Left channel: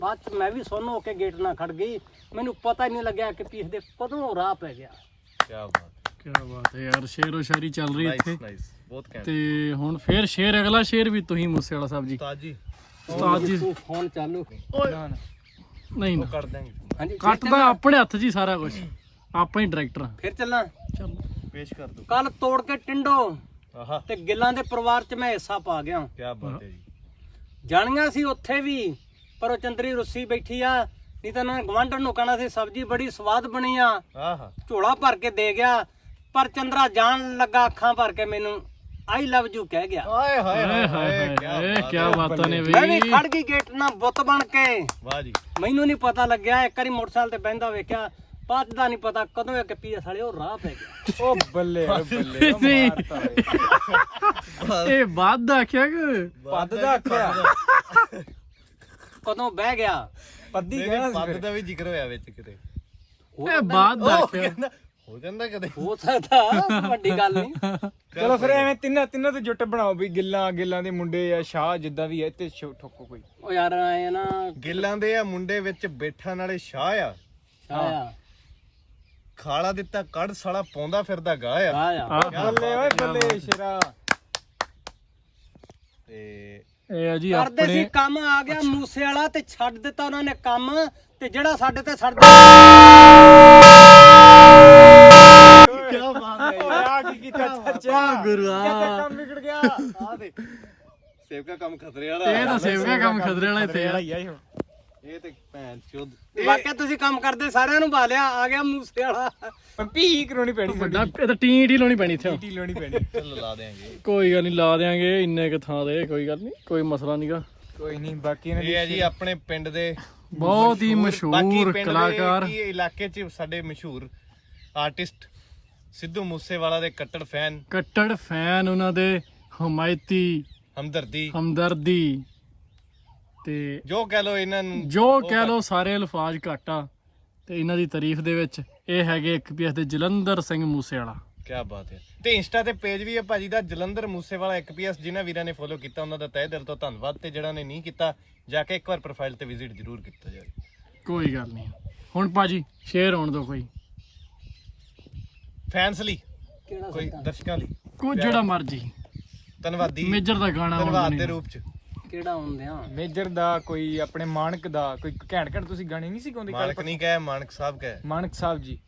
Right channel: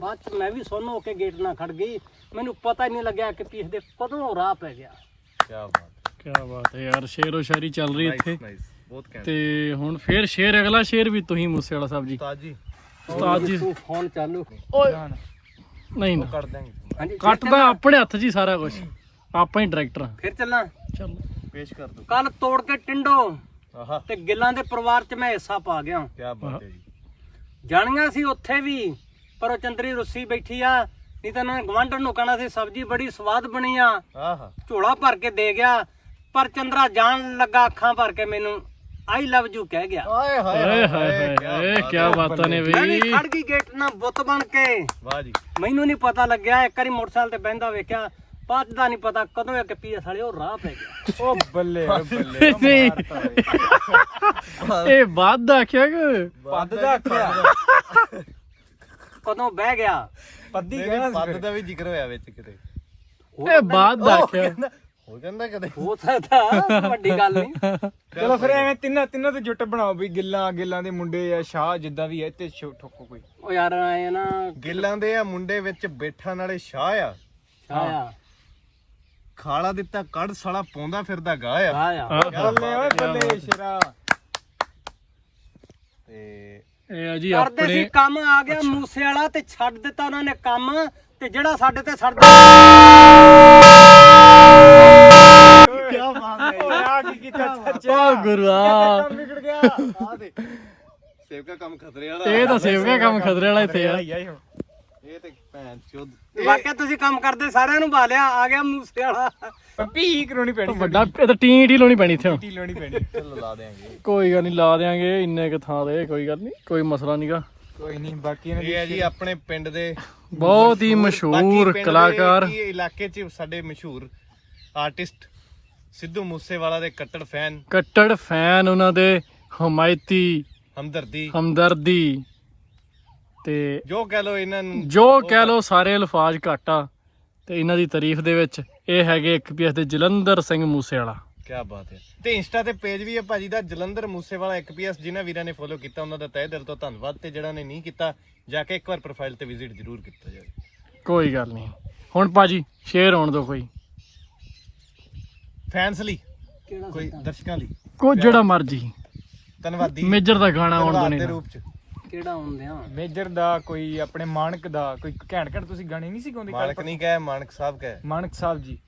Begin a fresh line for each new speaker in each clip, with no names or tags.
ਬਾਅਦ ਚ ਮੈਂ ਵੀ ਸੁੰਨ ਹੋ ਕੇ ਗੇਟ ਨਾਲ ਖੜ ਗਈ, ਮੈਨੂੰ ਪਤਾ ਹੀ ਨਹੀਂ ਲੱਗਿਆ ਕਿ ਪੀਸ ਦੇ ਕਦੋਂ ਰਾਹ ਪੈ ਗਿਆ।
ਕੀ ਬਾਤ ਹੈ ਯਾਰ, ਸ਼ੇਰੋ ਸ਼ਾਇਰੀ ਚੱਲ ਰਹੀ ਇੱਥੇ
ਬਹੁਤ ਘੈਂਟ।
ਤੇ ਹੁਣ ਫੇਰ ਸ਼ੇਰ, ਅਗਲਾ ਸ਼ੇਰ ਵੀ ਤੁਸੀਂ ਮੂਸੇ ਵਾਲਾ ਸਾਹਿਬ ਜੀ। ਉਸਤਾਦ ਜੀ
ਤੂੰ ਫੋਨ ਚਾਲੂ
ਓਏ ਨਹੀਂ ਨਾ
ਕਰ ਦਾਂਗੇ।
ਹਾਂਜੀ
ਕੱਟਦਾ ਆਪਣੇ ਹੱਥ 'ਚ ਹੀ ਸਾਰਾ ਕੁਝ, ਆਪਾਂ ਹੀ ਡਾਇਰੈਕਟਰ ਹਾਂ।
ਫਿਰ ਚੱਲਾਂ।
ਚੱਲ
ਪੇਸ਼ ਕਰ ਦੋ।
ਕੱਲ ਤੋੜ ਕੇ ਟਿੰਡੋ
ਆਹਾ
ਤੇ ਗਿੱਲਾਂ ਦੇ ਪਰਿਵਾਰ ਚ ਮੈਂ ਹਿੱਸਾ ਪਾ ਗਿਆ।
ਕੀ ਬਾਤ ਹੈ ਜੀ।
ਜਾਣੀਆਂ ਸੀ ਉੱਥੇ ਵੀ, ਪਰ ਉਹ ਚੰਦਰੀ ਰੁੱਸੀ ਬੈਠੀ ਆ, ਨਹੀਂ ਤਾਂ ਉਹਨਾਂ ਗਵਾਂਢਣ ਨੂੰ ਕਹਿਣਾ ਸੀ ਸਬਜ਼ੀ ਬੜੀ ਸਵਾਦ ਬਣੀ ਆ,
ਆਹਾ
ਝੋਲਾ ਭਰ ਕੇ ਦੇ ਗਿਆ। ਪਰ ਚੰਦਰਾ ਜਾਣ ਲੱਗਾ ਅੱਖਾਂ ਭਰ ਕੇ ਮੈਨੂੰ ਆਈ ਲਵ ਯੂ ਕਹਿ ਗਿਆ।
ਹਾਏ
ਹਾਏ ਹਾਏ ਹਾਏ, ਕੀ ਬਾਤਾਂ ਨੇ
ਮੈਂ ਵੀ
ਬਈ।
ਖੜ ਗਈ ਗੇਟ ਨਾਲ ਬੁੱਤ ਬਣ ਕੇ।
ਵਾਹ ਜੀ।
ਮੈਨੂੰ ਨਹੀਂ ਪਤਾ ਲੱਗਿਆ, ਇੱਕ ਵਾਰੀ ਮੋਟਰਸਾਈਕਲ ਤੇ ਬਹਿੰਦਾ ਵੇਖਿਆ, ਬਾਅਦ ਦਾ ਨਹੀਂ ਪਤਾ ਕਦੋਂ ਇੱਕ ਪੀਐਸ ਵਾਲੇ ਉਹ ਰਾਹ ਪੈ ਗਿਆ।
ਉਹ ਬੱਲੇ
ਨਹੀਂ ਇਹ ਬਾਤ ਦਾ ਆਖਿਆ ਕਿ
ਪੱਦ ਦਾ ਆਖਿਆ।
ਕਦੋਂ ਬਹਿ ਗਿਆ।
ਪੱਦੀ ਕਹਿੰਦਾ ਪੱਦ ਦਾ ਵੀ ਜ਼ਿਕਰ ਹੋਇਆ ਵਿੱਚ ਕਿਤੇ।
ਇਹ ਬਾਤ ਦਾ ਆਖਿਆ।
ਹੋ ਜਾਂਦਾ ਕਦੇ।
ਹੋ ਸਕਦਾ, ਵੱਡੀ ਗੱਲ ਨਹੀਂ।
ਚਲੋ ਫਿਰ ਐਵੇਂ ਤਿੰਨਾਂ ਤੇ ਜੁੱਟ ਬਣਾਓ ਵੀ ਗਿੱਲਾਂ ਦੇ ਮੁੰਡੇ ਜਾਂ ਸ਼ਾਹ ਜਿੱਦਾਂ ਵੀ ਹੈ ਤੇ ਠੋਕੋ ਕੋਈ।
ਉਹ ਯਾਰ ਆਏ ਨਾ
ਗਿੱਲਾਂ ਦੇ ਆ ਮੁੰਡੇ ਵਿੱਚ ਬੈਠਾ ਨਾਲੇ ਸ਼ਾਹ ਆ,
ਆਇਆ
ਖਾਲਾ ਦਿੱਤਾ ਕੱਢ ਸਾਲਾ ਪਾਉਂਦਾ ਫਿਰਦਾ ਗਾ ਆ।
ਆਇਆ
ਬੱਲੇ ਸ਼ੇਰਾ।
ਤੇ
ਇਹ ਆ ਜੀ
ਕਰਦੇ ਸੀ
ਆਪਣੇ
ਕੰਮ, ਆ ਗਿਆ ਮੂਸੇ ਵਾਲਾ ਤੇ ਛੱਡ ਦਿੱਤਾ ਉਹਨਾਂ ਨੇ ਕੰਮ, ਤੇ ਜਿਹੜਾ ਸਾਡੇ ਤੇ ਸੜਦਾ।
ਕੀ ਬਾਤ ਹੈ ਯਾਰ।
ਕੀ ਕੀਤਾ
ਓ ਗੁਰੂਆ,
ਵਿਗੜ ਗਿਆ।
ਆ ਦੇ ਸੇਵਕਾ ਕੰਮ ਖਤਰੇ ਵਾਲਾ।
ਇਹ ਤਾਂ ਸੇਵਕਾ ਕੰਮ ਖਤਰੇ ਵਾਲਾ ਇੱਥੇ ਆ।
ਇਹ ਤੇ ਭੈਣ ਚੋਦ।
ਵਾਕਿਆ ਤੁਸੀਂ ਕੰਮ ਕਰਦੇ ਸਾਰਿਆਂ ਨੂੰ ਭਾਲਿਆ, ਆ ਗਿਆ ਮੂਸੇ ਵਾਲਾ।
ਪੀ ਕਰਾਉਣੀ ਪੈਣੀ,
ਵੱਡਾ ਇਹ ਤਾਂ ਟੀ ਲਾਉਣੀ ਪੈਣੀ ਇੱਥੇ ਹੁਣ।
ਟੀ ਲਾਉਣੀ ਪੈਣੀ।
ਚਲੋ ਲਾ ਦੇਾਂਗੇ।
ਕੋਈ ਗੱਲ ਨਹੀਂ, ਲਾ ਦੇਾਂਗੇ ਇੰਨੇ ਕ ਥਾਂ ਤੇ, ਕੋਈ ਗੱਲ ਨਹੀਂ, ਕੋਈ ਮਸਲਾ ਨਹੀਂਗਾ।
ਕੋਈ ਨਹੀਂ, ਬਾਕੀ
ਇਹ ਹੈ ਜੀ ਆਪਣੇ ਪਿੰਡ ਦੇ
ਬਹੁਤ ਹੀ
ਬਾਕੀ
ਮਸ਼ਹੂਰ
ਪਿੰਡ ਦੇ
ਕਲਾਕਾਰ।
ਕੀ ਇਲਾਕੇ 'ਚ ਸਾਡੇ ਮਸ਼ਹੂਰ ਆਰਟਿਸਟ ਸਿੱਧੂ ਮੂਸੇਵਾਲਾ ਦੇ
ਕੱਟੜ ਫੈਨ ਉਹਨਾਂ ਦੇ, ਹਮਾਇਤੀ, ਹਮਦਰਦੀ ਤੇ
ਜੋ ਕਹਿ ਲੋ ਇਹਨਾਂ ਨੂੰ,
ਜੋ ਕਹਿ ਲੋ ਸਾਰੇ ਅਲਫਾਜ਼ ਘੱਟ ਆ ਤੇ ਇਹਨਾਂ ਦੀ ਤਾਰੀਫ ਦੇ ਵਿੱਚ ਇਹ ਹੈਗੇ ਇੱਕ ਪੀਐਸ ਦੇ ਜਲੰਧਰ ਸਿੰਘ ਮੂਸੇਵਾਲਾ।
ਕੀ ਬਾਤ ਹੈ। ਤੇ ਇੰਸਟਾ ਤੇ ਪੇਜ ਵੀ ਹੈ ਭਾਜੀ ਦਾ ਜਲੰਧਰ ਮੂਸੇਵਾਲਾ 1PS। ਜਿਨ੍ਹਾਂ ਵੀਰਾਂ ਨੇ ਫੋਲੋ ਕੀਤਾ ਉਹਨਾਂ ਦਾ ਤਹਿ ਦਿਲ ਤੋਂ ਧੰਨਵਾਦ, ਤੇ ਜਿਹੜਾ ਨੇ ਨਹੀਂ ਕੀਤਾ ਜਾ ਕੇ ਇੱਕ ਵਾਰ ਪ੍ਰੋਫਾਈਲ ਤੇ ਵਿਜ਼ਿਟ ਜ਼ਰੂਰ ਕੀਤਾ ਜਾਵੇ।
ਕੋਈ ਗੱਲ ਨਹੀਂ। ਹੁਣ ਭਾਜੀ ਸ਼ੇਅਰ ਹੋਣ ਦਿਓ ਕੋਈ
ਫੈਨਸ ਲਈ,
ਕਿਹੜਾ
ਕੋਈ ਦਰਸ਼ਕਾਂ ਲਈ,
ਕੋਈ ਜਿਹੜਾ ਮਰਜੀ
ਧੰਨਵਾਦੀ
ਮੇਜਰ ਦਾ ਗਾਣਾ ਆਉਣ
ਧੰਨਵਾਦ ਦੇ
ਦੇਣਾ।
ਰੂਪ 'ਚ।
ਕਿਹੜਾ ਹੁੰਦੇ ਆ?
ਮੇਜਰ ਦਾ, ਕੋਈ ਆਪਣੇ ਮਾਨਕ ਦਾ, ਕੋਈ ਘੈਂਟ ਤੁਸੀਂ ਗਾਣੇ ਨਹੀਂ ਸੀ ਗਾਉਂਦੇ?
ਮਾਨਕ ਨਹੀਂ ਕਹੇ, ਮਾਨਕ ਸਾਹਿਬ ਕਹੇ।
ਮਾਨਕ ਸਾਹਿਬ ਜੀ,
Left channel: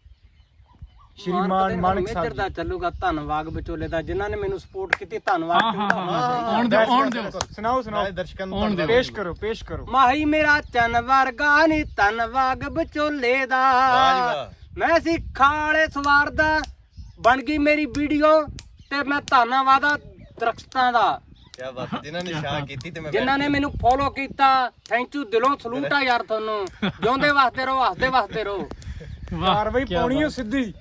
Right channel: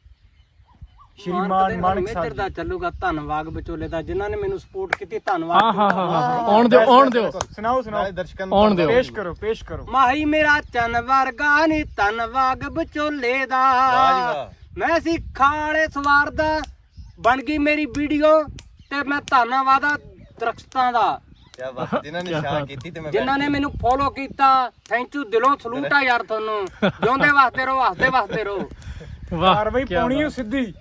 ਮਾਨਕ ਮੇਜਰ ਦਾ ਚੱਲੂਗਾ। ਧੰਨਵਾਦ ਵਿਚੋਲੇ ਦਾ, ਜਿਨ੍ਹਾਂ ਨੇ ਮੈਨੂੰ ਸਪੋਰਟ ਕੀਤੀ, ਧੰਨਵਾਦ।
ਹਾਂ ਆਉਣ ਦਿਓ
ਸੁਣਾਓ
ਨਾਲੇ ਦਰਸ਼ਕਾਂ ਨੂੰ
ਆਉਣ ਦਿਓ।
ਪੇਸ਼ ਕਰੋ।
ਮਾਹੀ ਮੇਰਾ ਚੰਨ ਵਰਗਾ ਨੀ ਧੰਨਵਾਦ ਵਿਚੋਲੇ ਦਾ, ਮੈਂ ਸੀ ਖਾਲੇ ਸਵਾਰਦਾ, ਬਣ ਗਈ ਮੇਰੀ ਵੀਡੀਓ ਤੇ ਮੈਂ ਧੰਨਵਾਦ ਆ ਦਰਖਤਾਂ ਦਾ।
ਕੀ ਬਾਤ। ਜਿਨ੍ਹਾਂ ਨੇ ਸ਼ਾਹ ਕੀਤੀ ਤੇ ਮੈਂ
ਜਿਨ੍ਹਾਂ ਨੇ ਮੈਨੂੰ ਫੋਲੋ ਕੀਤਾ, ਥੈਂਕ ਯੂ, ਦਿਲੋਂ ਸਲੂਟ ਆ ਯਾਰ ਤੁਹਾਨੂੰ। ਜਿਉਂਦੇ ਵਾਸਤੇ ਰਹੋ, ਹੱਸਦੇ ਰਹੋ।
ਵਾਹ,
ਕਾਰਵਾਈ ਪਾਉਣੀ ਓ ਸਿੱਧੀ।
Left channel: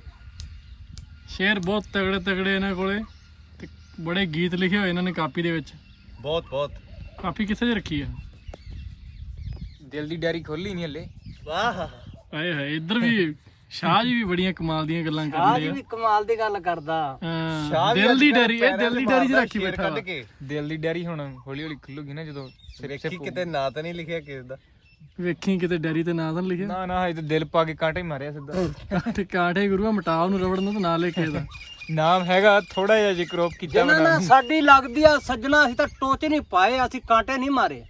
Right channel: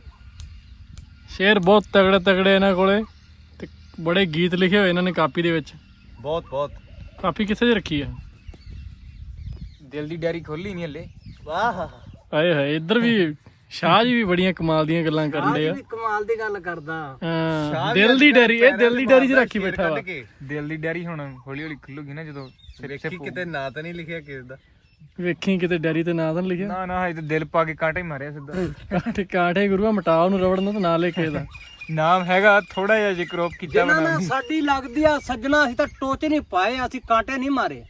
ਸ਼ੇਰ ਬਹੁਤ ਤਗੜੇ ਇਹਨਾਂ ਕੋਲੇ ਤੇ ਬੜੇ ਗੀਤ ਲਿਖੇ ਹੋਏ ਇਹਨਾਂ ਨੇ ਕਾਪੀ ਦੇ ਵਿੱਚ।
ਬਹੁਤ
ਕਾਪੀ ਕਿੱਥੇ ਜੇ ਰੱਖੀ ਹੈ?
ਦਿਲ ਦੀ ਡੈਰੀ ਖੋਲੀ ਨਹੀਂ ਹਲੇ।
ਵਾਹ।
ਆਏ ਹਾਏ, ਇੱਧਰ ਵੀ ਸ਼ਾਹ ਜੀ ਵੀ ਬੜੀਆਂ ਕਮਾਲ ਦੀਆਂ ਗੱਲਾਂ ਕਰਨ
ਆਹ
ਦੇ ਆ।
ਵੀ ਕਮਾਲ ਦੀ ਗੱਲ ਕਰਦਾ।
ਦਿਲ ਦੀ ਡੈਰੀ, ਇਹ ਦਿਲ ਦੀ ਡੈਰੀ 'ਚ ਰੱਖੀ ਬੈਠਾ ਵਾ।
ਦਿਲ ਦੀ ਡੈਰੀ ਹੁਣ ਹੌਲੀ ਖੁੱਲੂਗੀ ਨਾ ਜਦੋਂ
ਵੇਖੀ ਕਿਤੇ ਨਾਂ ਤਾਂ ਨਹੀਂ ਲਿਖਿਆ ਕਿਸ ਦਾ।
ਵੇਖੀ ਕਿਤੇ ਡੈਰੀ ਤੇ ਨਾਂ ਤਾਂ ਨੀ ਲਿਖਿਆ।
ਨਾ ਹਜੇ ਤਾਂ ਦਿਲ ਪਾ ਕੇ ਕਾਂਟਾ ਹੀ ਮਾਰਿਆ ਸਿੱਧਾ।
ਕਾਂਠੇ ਗੁਰੂਆ, ਮਟਾ ਉਹਨੂੰ ਰਬੜ ਨੂੰ ਤੇ ਨਾਂ ਲਿਖੇ ਦਾ।
ਨਾਮ ਹੈਗਾ ਥੋੜਾ ਜਿਹਾ ਜੇ ਕ੍ਰੋਪ ਕੀਤਾ
ਜਿਨ੍ਹਾਂ ਨਾਲ ਸਾਡੀ ਲੱਗਦੀ ਆ ਸੱਜਣਾ, ਅਸੀਂ ਤਾਂ ਟੋਚ ਨਹੀਂ ਪਾਏ, ਅਸੀਂ ਕਾਂਟੇ ਨਹੀਂ ਮਾਰੇ।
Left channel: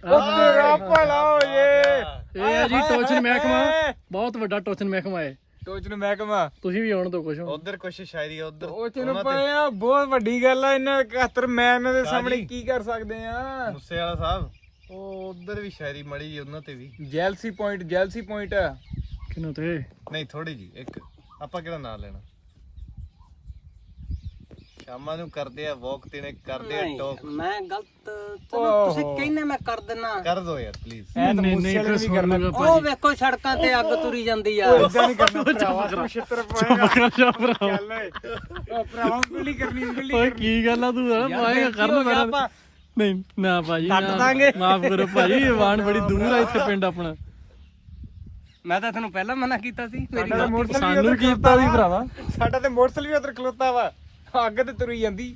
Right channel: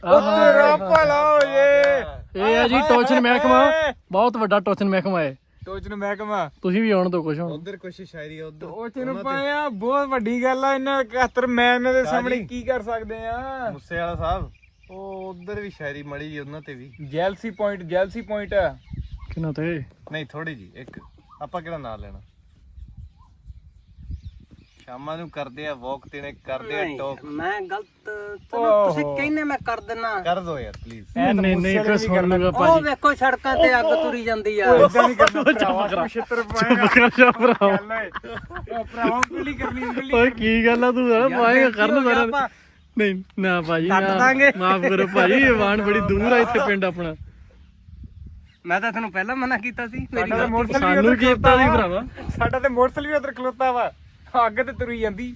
ਇਹ ਹੈ ਜੀ ਟੋਚਨ ਮਹਿਕਮਾ, ਬਹੁਤ ਵੱਡਾ ਟੋਚਨ ਮਹਿਕਮਾ ਹੈ।
ਟੋਚ ਨੂੰ ਮਹਿਕਮਾ
ਤੁਸੀਂ ਵੀ ਆਉਣ ਤੋਂ ਕੁਛ ਹੋ।
ਉਧਰ ਕੁਛ ਸ਼ਾਇਰੀ ਉਧਰ
ਟੋਚ ਨੂੰ ਪਾਇਆ, ਬਹੁਤ ਵੱਡੀ ਗੱਲ ਆ। ਇਹਨਾਂ 71 ਮੈਂ ਇਹਨਾਂ ਦੇ ਸਾਹਮਣੇ ਕੀ ਕਰ ਸਕਦੇ ਆ?
ਮੂਸੇਵਾਲਾ ਸਾਹਿਬ ਉਹ ਉਧਰ ਵੀ ਸ਼ਾਇਰੀ ਮੜੀ ਜੀ, ਉਹਨਾਂ ਤੇ ਵੀ
ਜੈਲਸੀ ਪੁਆਇੰਟ
ਕਿਨਾਂ ਤੇ
ਨਹੀਂ ਥੋੜੀ ਜੀ ਇੱਕ। ਆਪਾਂ ਕਿਹੜਾ ਨਾਂ ਲੈਣਾ? ਸ਼ਾਮਾਂ ਨੂੰ ਕਰਦੇ ਆ ਵਾਕ ਤੇ ਨੇ ਕਰਦੇ ਆ ਟਾਕ।
ਮੈਂ ਗਲਤ, ਚਲੋ ਤੁਸੀਂ ਕਹਿੰਦੇ ਮੈਂ ਕਰ ਦਿੰਨਾ।
ਕਰ ਦੋ ਯਾਰ ਪਲੀਜ਼।
ਨਹੀਂ ਇੱਕ ਸੁਣ ਲੂਗਾ
ਉਹ
ਭਾਜੀ।
ਵੇਖੋ ਸੜਕਾਂ ਤੇ ਅੱਗ ਤੁਰੀ ਜਾਂਦੀ ਆ।
ਚੁੱਪ ਕਰ ਭਰਾ। ਓਏ ਕੀ ਗੱਲ ਆ, ਤੂੰ ਪਾਏਗਾ ਕਰਨ ਸਾਰਾ। ਨਹੀਂ ਨਾ ਭਾਜੀ, ਮਾਫ ਕਰੋ ਭਾਜੀ, ਵਾਣ ਬੜੀ ਦੂਰ ਆ ਇੱਥੇ ਪਿੰਡ ਆਪਣਾ।
ਮੈਂ ਤਾਂ ਤੈਨੂੰ ਪਹਿਲਾਂ ਮਨਾ ਕੀਤਾ ਸੀ, ਮੇਰੀ ਗਲਤੀ।
ਸਾਨੂੰ ਕੀਤਾ ਸੀ ਭਰਾਵਾ।
ਸਾਡਾ ਤੇ ਮੋਟਰਸਾਈਕਲ ਵੀ ਉਧਰ ਖਲੋਤਾ ਵਾ, ਅੱਗ ਤੇ ਤੁਰੀ ਜਾਂਦੀ।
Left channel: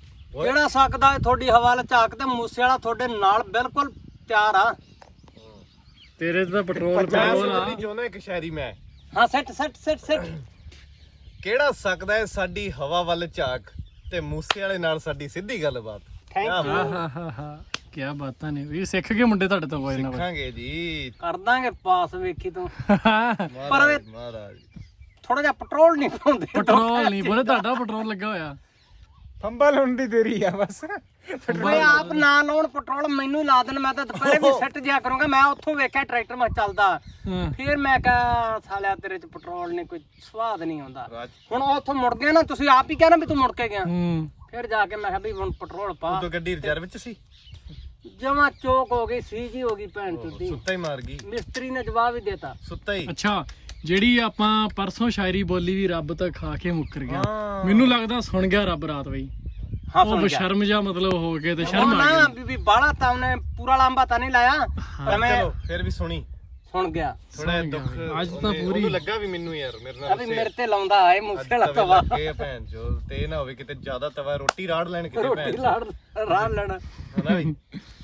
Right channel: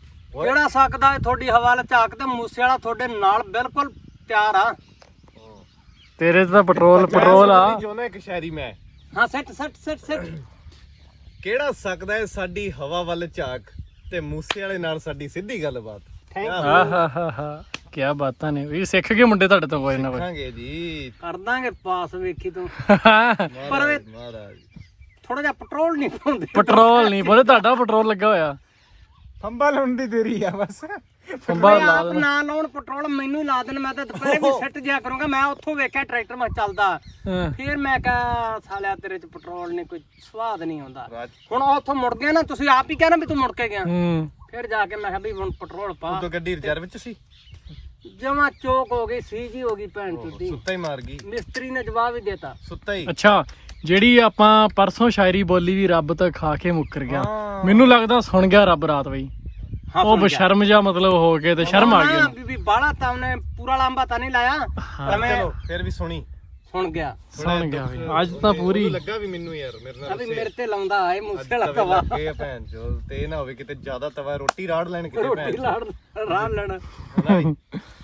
ਕਿਹੜਾ ਸਕਦਾ ਹੈ ਤੁਹਾਡੀ ਹਵਾ ਝਾਕ ਤੇ ਮੂਸੇ ਵਾਲਾ ਤੁਹਾਡੇ ਨਾਲ ਬਿਲਕੁਲ ਤਿਆਰ ਆ।
ਤੇਰੇ 'ਚ ਤਾਂ ਪੈਟਰੋਲ ਆ।
ਜੋ ਨਾ ਇੱਕ ਸ਼ਾਇਰੀ ਮੈਂ
ਹਾਂ ਸੈੱਟ ਸੈੱਟ ਸੈੱਟ ਸੈੱਟ
ਕਿਹੜਾ ਸਕਦਾ ਹੈ ਸਾਡੀ ਹਵਾ ਵੱਲ ਝਾਕ ਤੇ ਮੂਸੇ ਵਾਲੇ ਨਾਲ ਸਾਡੀ ਸਿੱਧੀ ਗੱਲਬਾਤ।
ਥੈਂਕ
ਆਹਾਹਾਹਾ ਕੀ ਬਾਤਾਂ ਨੇ ਵੀ ਸਿੱਖ ਗਏ ਮੁੰਡੇ ਤੁਹਾਡੇ ਤੋਂ ਕੋਈ ਨਾ ਕੋਈ।
ਸਿੱਖਾਂਗੇ ਜੀ
ਕਰ ਦਾਂਗੇ ਪਾਸ ਵੇਖੀ ਤੂੰ
ਮਹਾਰਾਜ ਮਹਾਰਾਜ।
ਥੋੜਾ ਜਿਹਾ ਪੈਟਰੋਲ ਨਹੀਂ ਪਾਉਂਦੇ
ਪੈਟਰੋਲ ਨਹੀਂ ਬੋਲੇ ਤੁਹਾਡਾ ਪੈਟਰੋਲ ਲੱਗਾ ਹੋਇਆ।
ਫੰਬਾ ਲਾਉਣ ਦੀ ਦੇਰੀ ਆ ਬਸ।
ਮੈਂ ਆਪ ਨਾ ਲਾਉਣ ਪੈਟਰੋਲ ਮੈਨੂੰ ਹੀ ਲਾ ਦੇਣ। ਮੈਂ ਤਾਂ ਦੁਪਹਿਰੇ ਵੀ ਸੈੱਟ ਜਿਆ ਕਰੂੰਗਾ। ਮੈਂ ਉੱਥੋਂ ਵੇਖਿਆ ਟਰੈਕਟਰ ਮੈਂ ਚੱਲਦਾ
ਹਾਂ
ਫਿਰ ਮੈਂ ਕਿਹਾ ਸਾਲਿਆ ਤੇਰੇ ਚ ਪੈਟਰੋਲ ਨਹੀਂ ਕੋਈ ਸਵਾਦ ਨਹੀਂ ਆਉਂਦਾ।
ਰਾਜ
ਹੁਣ ਉੱਥੋਂ ਮੁੜ ਗਿਆ ਨਾ ਤੁਸੀਂ ਆਪ ਹੀ ਕਹਿਣਾ ਵੀ ਤੂੰ ਮੁੜ ਕੇ ਗਿਆ।
ਹੂੰ
ਫਿਰ ਜਾ ਕੇ ਮੈਂ ਕਿਹਾ ਵੀ ਹੁਣ ਪੈਟਰੋਲ ਪਾ।
ਉਦੋਂ ਗੱਡੀ ਰਿਜ਼ਰਵ ਚ ਸੀ
ਜਮਾ ਚੋਕ ਹੋ ਗਈ ਸੀਜੀ ਹੋ ਗਈ ਭੈਣ ਚੁੱਦੀ।
ਸੁੱਤਾ ਹੀ ਮਾਰ ਗਈ
ਮਿਸਤਰੀ ਨੇ ਜਵਾਬ ਹੀ ਦੇਤਾ।
ਸੁੱਤਾ ਹੀ।
ਅੱਛਾ ਜਿਹੜੀ ਆਪਾਂ ਪਰਸੋਂ ਸ਼ਾਇਰੀ ਬੋਲੀ ਵੀ ਰੱਬ ਤਾਂ ਖਾ ਕੇ ਮੁੱਕਰ ਗਿਆ।
ਹਾਂ।
ਮੈਨੂੰ ਲੱਗਦਾ ਸੁਣ ਗਿਆ ਰੱਬ ਰਾਤ ਬਈ। ਉਹ ਬਸ਼ਰਮ ਜਾ ਮਤਲਬ ਹੋ ਕੇ ਤੇ ਸ਼ਰਮ ਆ ਗਈ।
ਬੀਬੀ ਬਾਲਾ ਤਾਂ ਉਹਨੇ ਪੂਰਾ ਲਾਂਬਾ ਤਾਂ ਨਹੀਂ ਲਾਇਆ ਪਰ ਮੈਂ
ਚਲੋ ਫਿਰ ਵੀ ਸੁਣੀ
ਸੁਣ ਗਿਆ।
ਸੁਣ ਗਿਆ ਬਈ। ਅੱਜ ਤਾਂ ਪੂਰੀ
ਮੈਨੂੰ ਲੱਗਾ ਵੀ ਮੈਨੂੰ ਯਾਰ ਮੇਰੇ ਨਾਲ
ਅਭੀ ਮੇਰੇ ਤੇ ਲਾਉਂਦਾ ਆਏ ਮੂਸੇ ਵਾਲਾ ਤਵਾ
ਲੱਗੇ ਆ ਭੈਣ ਚੋਦ ਤੇ ਇਹ ਨਾ ਹੋਵੇ ਕਿਤੇ ਜ਼ਿਆਦਾ ਤਵਾ ਰੋਟੀ ਰਾੜ ਲੈਣ ਕਿਤੇ ਭੈਣ
ਰੋਟੀ ਲਾੜ ਰਾਹ ਲੈਣਾ।
ਹਨਾ ਵੀ?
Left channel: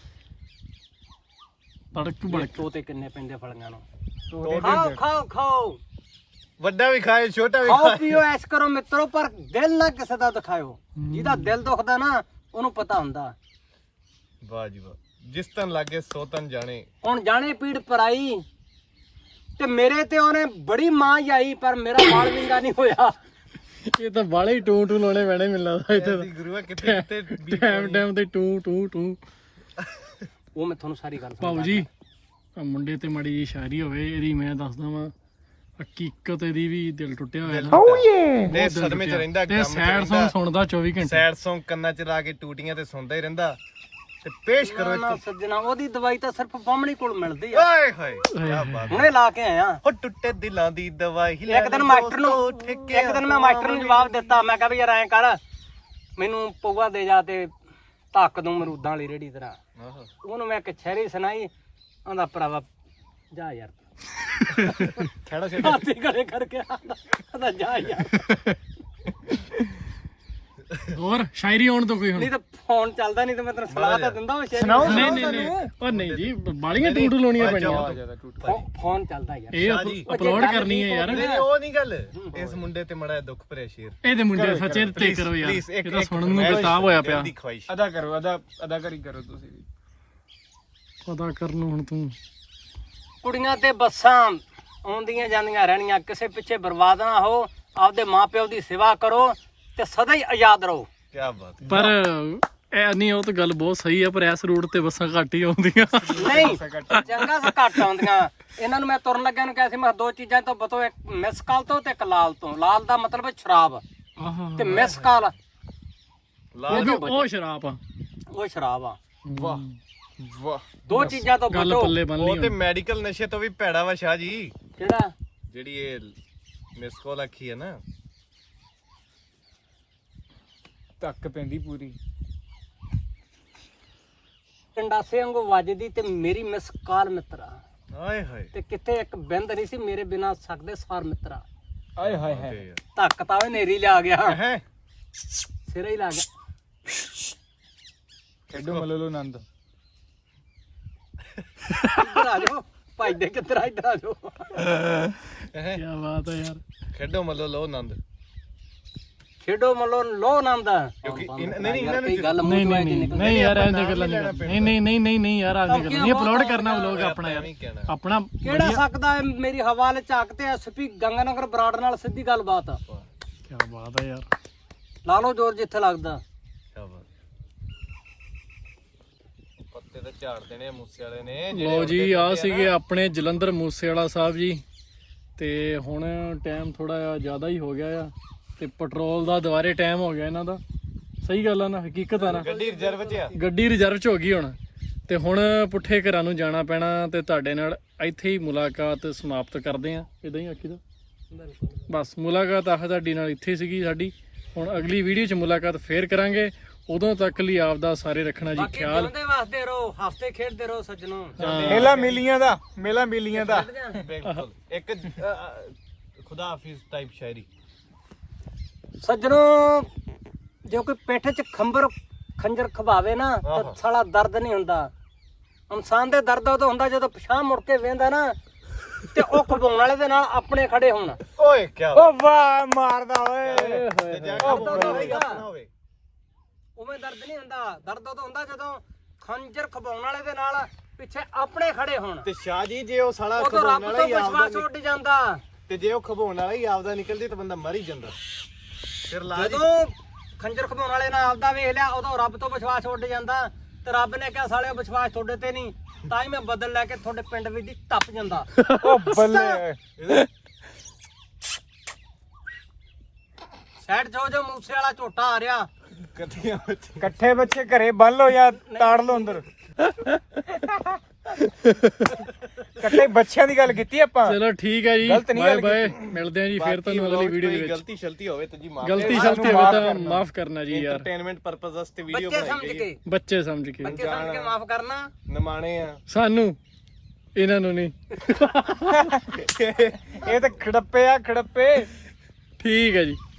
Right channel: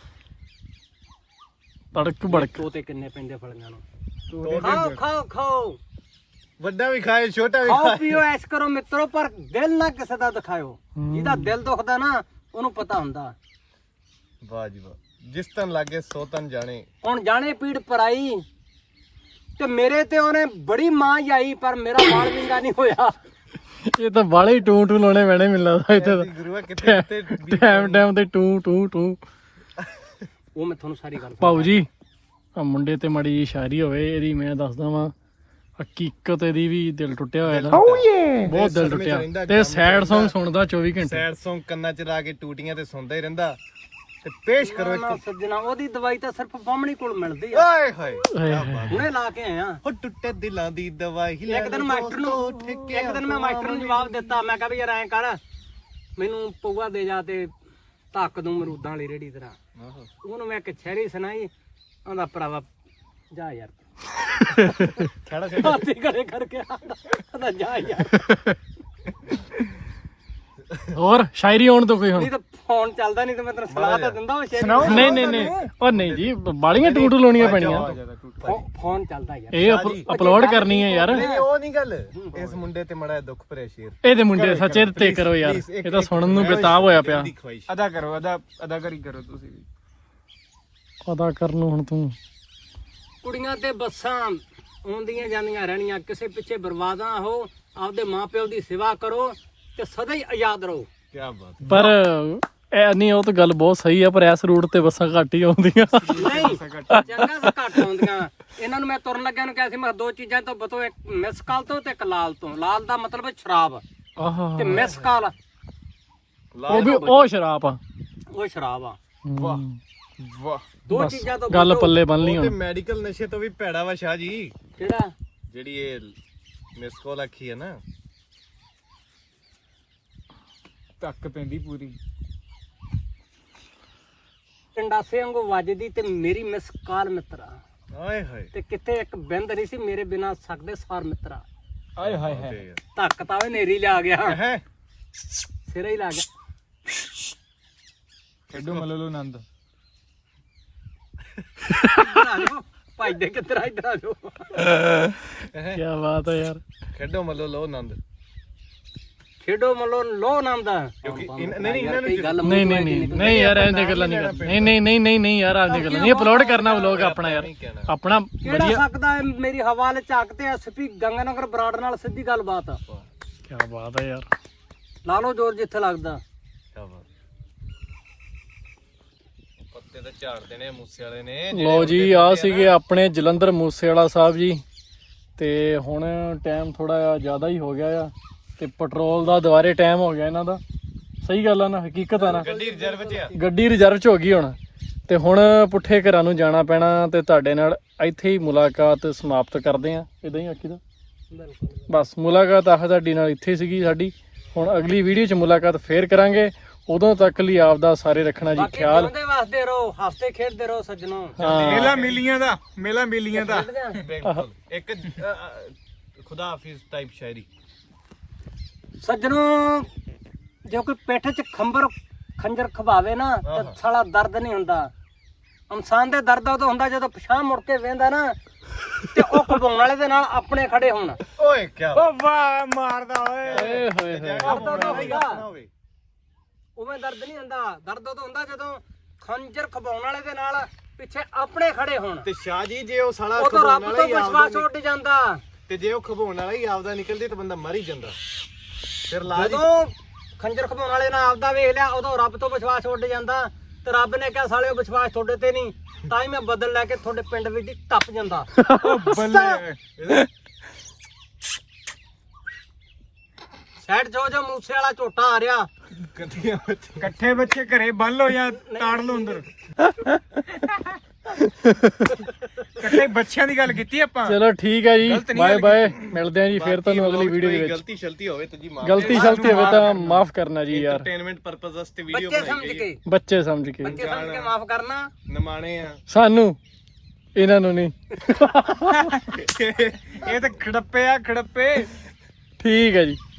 ਤੜਕ ਬੜਕ
ਤੋਤੇ ਕਿੰਨੇ ਪੈਂਦੇ ਫਲੀਆਂ ਨੂੰ। ਖਾਓ ਖਾਓ ਖਾਓ
ਵੱਡਾ ਵੀ ਖਾਏ ਛੋਟਾ ਵੀ
ਖਾਓ
ਖਾਏ
ਪੀਓ ਐਸ਼ ਕਰੋ ਮਿੱਤਰੋ ਪਰ ਦਿਲ ਨਾ ਕਿਸੇ ਦਾ ਦਿਖਾਇਓ। ਜਿਹਦਾ ਦਿਲ ਦੁਖਦਾ ਨਾ ਉਹਨੂੰ ਪਤਾ ਹੁੰਦਾ।
ਵਾਹ ਜੀ ਵਾਹ। ਜਿਸ ਤਨ ਲਾਗੇ ਸੋ ਤਨ ਜਾਣੇ।
ਹੁਣ ਜਾਣੇ ਪੀੜ ਪਰਾਈ ਤੇ ਮੇਰੇ ਤੇ ਉਹਨੇ ਬੜੀ ਮਾਂ ਆਈ ਪਰ ਮੇਰਾ ਮਾਲ ਵਿੰਗਾ ਨਹੀਂ ਹੋਇਆ।
ਇਹ ਤਾਂ ਬਾਲੇ ਟੂ ਟੂ ਲਾਉਣੇ ਪੈਣੇ ਮੈਨੂੰ ਲੱਗਦਾ ਇੱਥੇ
ਐਸੀ ਗੁਰੂਆ ਕਿਤੇ ਕਿਤੇ ਵੀ
ਟਾਈਮ ਤੇ ਟੂ ਟੂ ਟੂ।
ਉਹ ਮੈਂ ਤੁਹਾਨੂੰ ਸਾਰੀ ਗੱਲ
ਭਾਊ ਜੀ ਆ ਮੁੰਡੇ ਤੇ ਮੜੀ ਜੀ ਸ਼ਾਇਰੀ ਹੋਵੇ ਇਹਦੀ ਮੈਂ ਦੱਸਦਾ ਵਾਂ ਹਕੀਕਤ ਇਹਦੀ ਵੀ ਦਿਲ ਟੁੱਟਿਆ ਹੋਇਆ ਇਹਦਾ। ਬਹੁਤ ਦਿਲ
ਸਦਮੇ ਚ ਰਹਿੰਦਾ
ਟੁੱਟਿਆ ਤੇ ਸੈਡ Song ਸੁਣਦਾ 24 ਘੰਟੇ।
ਸੈਡ Song ਕੰਨਾਂ ਚ ਲਾ ਕੇ ਟੂਟੀਆਂ ਤੇ ਸੁਣਦਾ ਹੀ ਰਹਿੰਦਾ ਤੇ ਪੇਸ਼ ਕਰੋ
ਨਾ
ਇੱਕ
ਸੱਜਣਾ ਉਹਦੀ ਦਵਾਈ ਤਾਂ ਸਿਰਫ ਬਾਹਮਣੀ ਕੋਲ ਮਿਲਦੀ ਆ।
ਓਏ ਹੋਏ ਕੀ ਬਾਤ।
ਹੁਣੇ ਲਾ ਕੇ ਆਇਆ।
ਹੋ ਟੁੱਟੇ ਦਿਲਾਂ ਦੀ ਦਵਾਈ ਲੈ
ਇੱਕ ਦਿਨ ਮਾਸਟਰ ਨੂੰ ਇੱਕ ਦਿਨ ਮੈਂ ਮਾਸਟਰ ਨੂੰ ਜਵਾਬ ਦਿੱਤਾ। ਮੈਂ ਕਿਹਾ ਵੀ ਯਾਰ ਐਂ ਕਰ ਮੈਨੂੰ ਪਊਆ ਦੇ ਜਾ ਤੇ ਧੱਕ ਦੂੰ ਮਰੂਦਾਂ ਵਾਲੀ ਰੇੜੀ ਤਰ੍ਹਾਂ।
ਆਹੋ
ਉਹਨੂੰ ਮੈਂ ਇੱਕ ਸ਼ਾਇਰੀ ਸੁਣਾਈ। ਆਂਦਾ ਭਰਾਵਾ ਜਾ ਯਾਰ
ਛੜਾ
ਹਾਥੀ ਖੜੇ ਕਰਕੇ ਆਂਦਾ ਜਾ ਯਾਰ।
ਹੋਰ ਸ਼ਾਇਰੀ ਆਉਣ ਤੋਂ ਕੋਈ ਹੁਣ
ਨਹੀਂ ਤਾਂ ਫੋਨ ਚੱਲਦਾ ਨਹੀਂ ਤਾਂ ਮੈਂ ਤੈਨੂੰ ਸਲਾਹ ਤਾਂ ਦਿੰਦਾ ਉਹ ਸ਼ਾਇਰੀ।
ਨਹੀਂ ਉਹ ਨਹੀਂ ਜੀ ਬਾਲੀਆਂ ਟੂ ਟੂ ਲਾਉਣੀਆਂ ਪੈਣੀਆਂ।
ਫੋਨ ਚੱਲਦਾ ਯਾਰ।
ਇਹ ਅਪਲੋਡ ਕਰਨੀ ਹੈ ਯਾਰ।
ਨਹੀਂ ਉਹ ਨਹੀਂ ਗੱਲ। ਇਸ ਮੁੰਡੇ ਤੇ ਮੜਾ ਦੁੱਖ ਭਰਿਆ ਸ਼ੇਰ
ਇਹਦੇ ਮੁੰਡੇ ਸੱਚੇ ਤੇ ਕਰੋ ਯਾਰ। ਇਹ ਤਾਂ ਸੁਣਨ ਨੂੰ ਬੇਤਾਬ ਹੋਇਆ ਪਿਆ।
ਦੀ ਖਵਾਇਸ਼
ਅਦਾ ਕਰੋ ਅਦਾਕਾਰੀ ਕਰੋ ਤੁਸੀਂ ਵੀ।
ਪਤਾ ਕਰ ਨੂੰ ਹੁਣ ਤੂੰ।
ਕੁੜੀਆਂ ਤੇ ਬੱਸਾਂ ਆਉਂਦੀਆਂ ਜਾਂਦੀਆਂ ਰਹਿਣੀਆਂ ਕਿਸੇ ਪਿੱਛੇ ਬਰਬਾਦ ਨਾ ਹੋ। ਆਪਦੇ ਮਾਪਿਓ ਦੀ ਸੇਵਾ ਕਰੋ ਤੇ ਸਦਾ ਹੀ ਆਜ਼ਾਦ ਰਹੋ।
ਕੀ ਬਾਤ ਹੈ।
ਪਰ ਇਹ ਨਹੀਂ ਉਹ ਤਾਂ ਗੱਲ ਬਹੁਤ ਸਹੀ ਆ ਪਰ ਇਸ ਰੂਟ ਤੇ ਬੱਸਾਂ ਘੱਟ ਹੀ ਆਉਂਦੀਆਂ।
ਨਹੀਂ ਚੰਗਾ ਸੇ ਘੱਟ ਆਉਂਦੀਆਂ। ਇਹਨਾਂ ਨੂੰ ਮੈਂ ਤੁਰਨ ਲੱਗਿਆ ਨੂੰ ਕਿਹਾ ਸੀ ਮੈਂ ਦੋ ਚੀਜ਼ਾਂ ਤੋਂ ਬਤੋ ਇੱਕ ਮਿਸ ਕਾਲ ਤੋਂ ਤੇ ਇੱਕ ਲਾਲ ਤੋਂ। ਲਾਲ ਦਾ ਮਤਲਬ ਹੈ ਸ਼ਰਾਬ
ਆਹਾ
ਤੇ ਮਿਸ ਕਾਲ
ਉਹ ਸ਼ਰਾਬ ਆ।
ਉਹ ਸ਼ਰਾਬ ਆ।
ਵਾਹ ਵਾਹ।
ਦੋ ਚੀਜ਼ਾਂ ਤੋਂ
ਗੱਲ
ਬਚੋ।
ਪੱਲੇ ਬੰਨ ਲਈ
ਉਹ ਤੇ
ਹੁਣ।
ਮੈਡੀਕਲ ਨਸ਼ੇ ਤੋਂ ਵੀ ਭੈੜਾ ਵਾ ਸ਼ਾਹ ਜੀ।
ਕਿਹੜਾ
ਜਿਹੜੀ ਇਹ ਮਿਸ ਕਾਲ ਆਖੀ ਹੈ ਨਾ
ਧੱਕ ਪੈਂਦੀ ਪੂਰੀ।
ਕੰਡਾਸੇ ਵਾਂਗੂ ਵੱਜਦੀ ਤੇ ਮੇਰੀ ਮਿਸ ਕਾਲ ਮਿੱਤਰਾ
ਆਏ ਹਾਏ
ਤੇ ਕਿਤੇ ਇੱਕ ਬਿੰਦ ਨਹੀਂ ਸੀ ਮੇਰੇ ਬਿਨਾ ਸਕਦੇ ਸਾਰ ਮਿੱਤਰਾ।
ਆਏ ਹਾਏ
ਤੇ
ਹਾਏ।
ਯਾਰ
ਧੱਕ ਤਾਂ ਉਹ ਨੇਰੀ ਲਿਆ ਗਿਆ
ਹੈ
ਸਿਰੇ ਹੀ ਲਾ ਗਿਆ।
ਕਿੱਡੂ ਮਲਲੋ ਨੰਦ।
ਇੱਧਰ ਆ ਜਾਓ ਭਾਈ ਦੇ ਕਿੱਧਰ ਆ ਇੱਧਰ ਆ ਜਾਓ।
ਕੀ ਬਾਤ ਹੈ ਯਾਰ।
ਖੇਡੋ ਮੱਲੋ ਲੋ ਆਨੰਦ।
ਖੇਡੋ ਮੱਲੋ ਲੋ ਆਨੰਦ।
ਕਿਉਂਕਿ ਨਹੀਂ ਇਹਨਾਂ ਨੂੰ
ਗੱਲ
ਨਹੀਂ ਨਹੀਂ ਨਹੀਂ ਨਹੀਂ ਯਾਰ ਐਂਦੇ ਗੱਲਾਂ ਨਹੀਂ ਕਰਨੀ। ਨਹੀਂ ਨਹੀਂ ਨਹੀਂ ਨਹੀਂ ਨਹੀਂ ਯਾਰ ਐਂਦੇ ਗੱਲਾਂ ਨਹੀਂ ਅਪਲੋਡ ਕਰਨਾ ਵਲੋਗ ਆਪਣਾ ਯਾਰ
ਨਹੀਂ ਕਹਿਣਾ।
ਆਪਣਾ
ਕਿਹੜਾ ਸਕਦਾ ਹੈ ਮੇਰੀ ਹਵਾ ਲੈ ਝਾਕ ਤੇ ਐਸਪੀ ਗੰਗਾਨਗਰ ਬਰਾੜ ਨਾਲ ਸਿੱਧੀ ਗੱਲਬਾਤ।
ਕੀ ਬਾਤ ਹੈ ਯਾਰ।
ਲਾ ਲਓ ਜ਼ੋਰ ਜਿੱਥੇ ਲੱਗਦਾ।
ਕੀ ਬਾਤ। ਪੱਤੇ ਤਾਂ ਝਾੜ ਦੇਣੇ ਆ ਮੂਸੇ ਵਾਲੇ ਨੇ।
ਲੋ ਜੀ ਆ ਸੀਗੇ ਆਪਣੇ ਜਲੰਧਰ ਮੂਸੇਵਾਲਾ ਸਾਹਿਬ ਜੀ ਤੇ ਹੁਣ ਟਾਈਮ ਥੋੜਾ ਜ਼ਿਆਦਾ ਹੀ ਹੋ ਗਿਆ ਆ ਤੇ ਪੈਟਰੋਲ ਦਾ ਦੁਬਾਰੇ ਟਾਈਮ ਹੋ ਗਿਆ ਇਹਨਾਂ ਦਾ। ਸਹੀ ਗੱਲ ਆ ਨਾ ਹਕੀਕਤ ਆ ਨਾ।
ਗੱਡੀ ਰਿਜ਼ਰਵ 'ਚ ਆ।
ਗੱਡੀ ਰਿਜ਼ਰਵ 'ਚ ਹੋ ਗਈ ਹੁਣ ਤੇ ਹੁਣ ਪੁੱਠੇ ਘਰਾਂ ਨੂੰ ਜਾਣਾ ਪੈਣਾ ਤੇ ਤੁਹਾਡੇ ਨਾਲ ਇੱਥੇ ਹੀ ਮੁਲਾਕਾਤ ਸਮਾਪਤ ਕਰਦੇ ਆ। ਇਦਾਂ ਹੀ ਆਖੀ ਦਾ ਬਸ ਮੁਲਾਕਾਤ ਆਹ ਤੁਹਾਡੀ ਨਾਲ ਇੱਥੇ ਸੀਗੀ ਸਾਡੀ। ਹੁਣ ਅਗਲੀ ਵੀਡੀਓ 'ਚ ਮੁਲਾਕਾਤ ਫੇਰ ਕਰਾਂਗੇ। ਉਦੋਂ ਤੱਕ ਲਈ ਆਪਦਾ ਸਾਰੇ ਰੱਖਣਾ ਜੀ ਖਿਆਲ।
ਜਿਉਂਦੇ ਵਾਸਤੇ ਰਹੋ ਹੱਸਦੇ ਖੇਡਦੇ ਰਹੋ ਸੱਜਣੋ।
ਮੇਲਾ ਮਿਲੀਆਂ ਦਾ ਮੇਲਾ ਮਿਲੀਆਂ ਦਾ।
ਬਿਲਕੁਲ ਇੱਕ ਖੁਦਾ ਹਾਫਿਜ਼ ਟਾਈਪ ਸ਼ਾਇਰੀ।
ਸੱਜਣੋ ਜੇ ਕੋਈ ਪਿੱਠ 'ਚ ਖੰਜਰ ਖਵਾਵੇ ਨਾ ਤਾਂ ਸਾਲਾ ਦਰਦ ਨਹੀਂ ਹੁੰਦਾ। ਇਨਸਾਨ ਦੇ ਦਰਦ ਉਦੋਂ ਹੁੰਦਾ ਜਦੋਂ ਪਿਛਾਂਹ ਮੁੜ ਕੇ ਵੇਂਦਾ ਨਾ ਤੇ ਉਹ ਖਵਾਉਣ ਵਾਲੇ ਦੇ ਨਾਲ ਆਪਣੇ ਖੜੇ ਹੋਣ।
ਓਏ ਕੀ
ਓ ਵਾਹ ਮਾਰਦਾ ਓਏ।
ਦਰਦ ਉਦੋਂ ਹੁੰਦਾ ਉਵੇਂ ਦਰਦ ਨਹੀਂ ਹੁੰਦਾ। ਦਰਦ ਉਦੋਂ ਹੁੰਦਾ ਜਦੋਂ ਖੰਜਰ ਖਵਾਉਣ ਵਾਲੇ ਦੇ ਨਾਲ ਪਿੱਛੇ ਆਪਣੇ ਖੜੇ ਹੋਣ।
ਤੇ ਸ਼ਾਹ ਜੀ ਜੇ ਉਹ ਸਾਲਾ
ਉਦੋਂ ਰੱਬ ਤੋਂ ਵਿਸ਼ਵਾਸ ਉੱਡ ਜਾਂਦਾ।
ਤੇ ਜੇ ਉਹ ਖਵਾਉਣ ਵਾਲਾ ਹੀ ਆਪਦਾ ਨਿਕਲਦੀ ਤਾਂ ਬੰਦਾ ਮਰ ਹੀ ਜਾਂਦਾ। ਫਿਰ
ਜਦੋਂ ਖੰਜਰ ਖਵਾਉਣ ਵਾਲੇ ਨਾਲ ਆਪਦਾ ਵੇਖ ਲਿਆ ਉਦੋਂ ਰੱਬ ਤੋਂ ਵਿਸ਼ਵਾਸ ਉੱਡ ਜਾਂਦਾ। ਤੇ ਰੱਬ ਨੇ ਕਿਹਾ ਸਾਲਿਓ ਵਿਸ਼ਵਾਸ ਤੁਹਾਡੇ ਤੇ ਨਹੀਂ, ਤਾਂ ਹੀ ਮੈਂ ਬਦਲ ਲੈ ਕੇ ਤੁਹਾਡੇ ਪਿੰਡ ਵਿੱਚ ਦੀ ਟੱਪ ਜਾਂਦਾ।
ਓ ਬੱਲੇ।
ਸਾਈਡ ਜੋ ਮੂਸੇ ਵਾਲਾ ਝੋਟਾ ਆ ਰਿਹਾ।
ਇਕੱਠੇ ਬੱਚੇ ਘਰੇ ਬੰਨ ਲਓ ਜਾਂ ਤਾੜ ਲਓ ਅੰਦਰ। ਇਕੱਠੇ ਬੱਚਿਆਂ ਦੀ ਗੱਲ ਕੀਤੀ ਆਪਾਂ।
ਚਲੋ ਠੀਕ ਹੈ ਜੀ,
ਗਲਤ ਨਹੀਂ
ਬਾਏ
ਗੱਲ
ਬਾਏ, ਮਿਲਦੇ ਆ ਜੀ ਫੇਰ ਤੁਹਾਨੂੰ ਅਗਲੀ ਵੀਡੀਓ ਦੇ ਵਿੱਚ।
ਗਲਤੀ ਸ਼ਲਤੀ ਹੋਵੇ ਤਾਂ ਜੀ ਮਾਫ
ਗਲਤੀ ਸ਼ਲਤੀ ਹੋਵੇ ਤਾਂ ਮਾਫ ਕਰਨਾ ਜੀ ਯਾਰ,
ਐਂਟਰਟੇਨਮੈਂਟ ਪਰਪਸ ਵਾਸਤੇ ਵੀਡੀਓ
ਬੱਚੇ ਸਮਝ
ਬਣਾਈ
ਕੇ
ਬੱਚੇ ਸਮਝ ਕੇ।
ਬੱਚੇ ਸਮਝ ਕੇ ਮਾਫ ਕਰਨਾ।
ਨਮਾਣੇ ਆ
ਸਾਨੂੰ ਇਹਨਾਂ ਨੂੰ ਨਹੀਂ।
ਇਹ ਤਾਂ ਖੜੱਪੇ ਆ ਖੜੱਪੇ।
ਠੀਕ ਹੈ ਜੀ।